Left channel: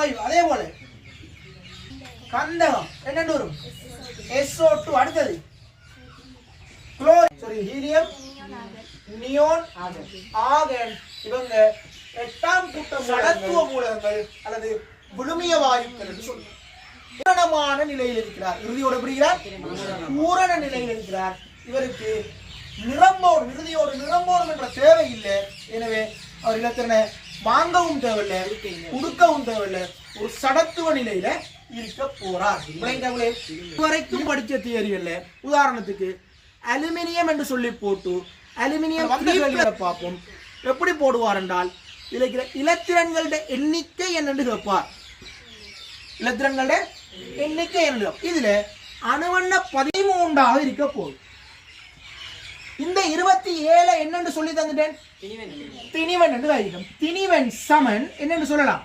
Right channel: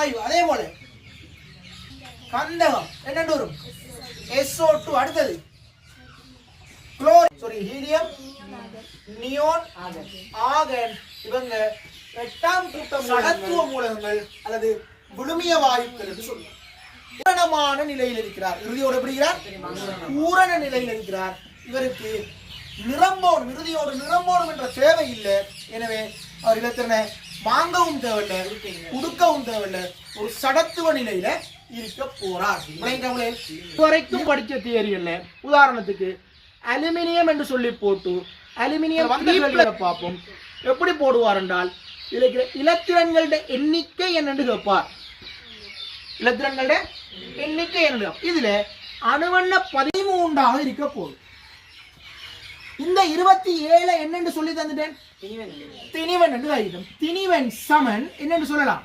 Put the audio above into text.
5 அதே போல கந்தகம் என்னன்னு வரும் SO2 அடுத்தது ஹீலியம் நியோன் ஆர்கன் இவங்க 8ஆம் கூட்ட சடத்துவ மூலகங்கள் அல்லது விழுமிய வாயுக்கள் என்று சொல்லுவோம். பூரணமான நிலையில் இருக்கிறார். இறுதியோடு எப்படி இருக்கிறார்? பூரண நிலையில் இருக்கிறார். இவருக்கு நிரம்பணும், இறுதியோடு நிரம்பணும் என்ற தேவை இல்லை. எனவே அவர் இலத்திரனை வாங்கவும் தேவையில்லை, கொடுக்கவும் தேவையில்லை, ஒரு சடத்துவ நிலையில இருக்க போறார். வரைக்கும் படிச்ச தியரி இல்ல. உதாரணத்துக்கு அலுமினியம் என்று சொல்லி போட்டு அலுமினியம் பார்ப்போம். எப்படி போடுவார் என்றால் இலத்திரன்களுடைய எண்ணிக்கை என்னென்று கேட்பார். இலத்திரன்களுடைய எண்ணிக்கை என்ன? இதுல அணுவெண்ண 13ஆக இருக்க போகுது. இந்த 27 என்னன்னு சொல்லி தந்துட்டேன், திணிவன் என்று ஆகிடும். திணிவன் சமன் என்னன்னு சொல்லலாம்,